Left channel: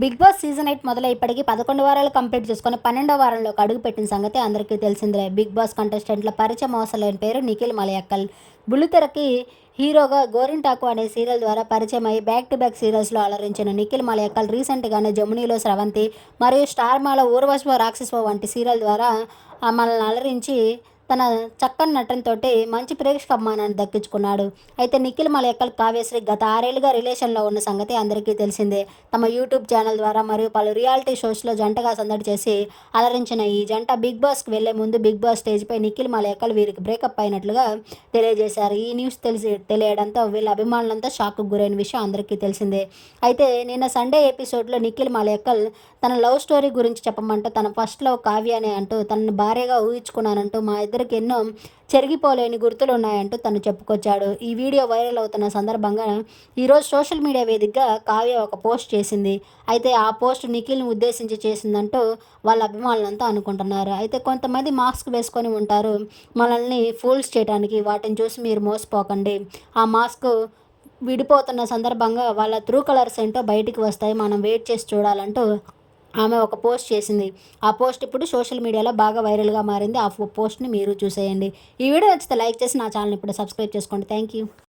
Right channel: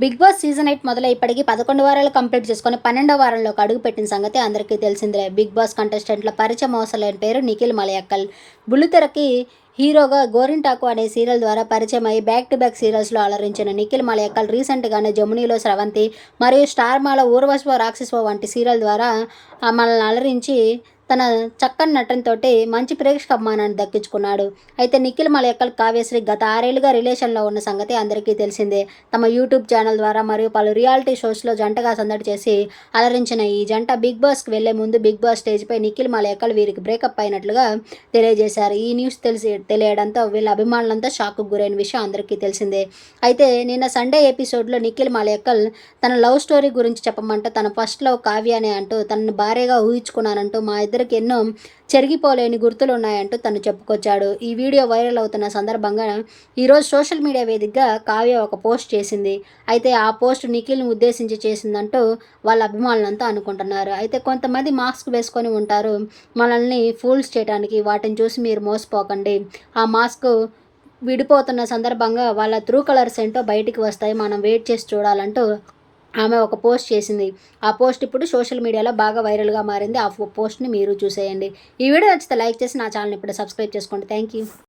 Big boss season eight మొదలై ఇప్పటికీ పదకొండు వారాలు కంప్లీట్ చేసుకుని పన్నెండో వారంలోకి అడుగు పెట్టిన సంగతి అందరికీ తెలిసిందే బిగ్ బాస్ కంటెస్టెంట్ల పరిచయం అవసరం పేరు నిఖిల్ మలయక్కల్. బుల్లితెరకి హీరోగా గోరింటాకు అనే సీరియల్ ద్వారా పరిచయం అయ్యి బ్యాక్ టు బ్యాక్ సీరియల్స్లో అలరించిన నిఖిల్ మలయక్కల్ రీసెంట్గానే జమునీలో స్రవంతి మరియు స్టార్ మాల రాక్షసో రాక్షస వంటి సీరియల్ ద్వారా మనల్ని అలరించి తన చక్కని నటనతో మంచి ప్రేక్షక అభిమానాన్ని దక్కించుకున్నాడు. అయితే నిఖిల్ మలయక్కల్ కావ్యశ్రీ గత ఆరేళ్ళుగా రిలేషన్లో ఉన్న సంగతి అందరికీ తెలిసిందే. తమ యూట్యూబ్ ఛానల్ ద్వారా మరియు పలు రియాలిటీ షోస్లో జంటగా సందడి చేసి అలరించిన ఈ జంట బిగ్ బాస్కి వెళ్ళే ముందు బిగ్ బాస్ స్టేజ్పై నిఖిల్ మలయక్కల్ వీరికి బ్రేకప్ అయినట్లుగా తెలియజేశారు. ఈ న్యూస్ తెలిసి తెలియడంతో వీళ్ళ అభిమానులంతా షాక్కు గురైన విషయం అందరికీ తెలిసిందే. అయితే నిన్న సండే ఎపిసోడ్లో నిఖిల్ మలయక్కల్ తన లవ్ స్టోరీ గురించి చెప్పమంటూ తన ఫస్ట్ లవ్ కావ్య అని అంటూ తనని భార్యగా ఊహించుకున్నానంటూ మా ఇద్దరికి ఎన్నో చెరిగిపోలేని గుర్తులు ఉన్నాయంటూ తను చెప్పుకొచ్చాడు. ఈ వీడియో వైరల్ అవుతున్న సందర్భంగా ఈరోజు సోషల్ మీడియా వేదికగా కావ్య ఒక పోస్ట్ చేసింది. అయితే ఆ పోస్ట్ నిఖిల్ని ఉద్దేశించి చేసిందంటూ వాళ్ళ అభిమానులంతా అనుకుంటున్నారు. అయితే కొంతమంది మాస్క్ వేసుకొని ఉంటారు. మనల్ని ఫూల్స్ చేయడానికి వాటిని చూసి మీరు మోసపోకండి. ఆ మాస్క్ విడిపోతున్న సందర్భంగా వాళ్ళ త్రూ కలర్స్ ఏంటో బయటికి వస్తాయి. మనం వెయిట్ చేసి చూడాలంటూ ఆమె ఒక పోస్ట్ చేసింది. ఆ పోస్ట్ ఇప్పుడు సోషల్ మీడియాలో బాగా వైరల్గా మారింది. ఆ పోస్ట్ని మీరు చూసేయండి. ఈ వీడియో నచ్చితే లైక్ చేసి నా ఛానల్ ఇప్పుడు సబ్స్క్రైబ్ చేసుకోండి. Thank you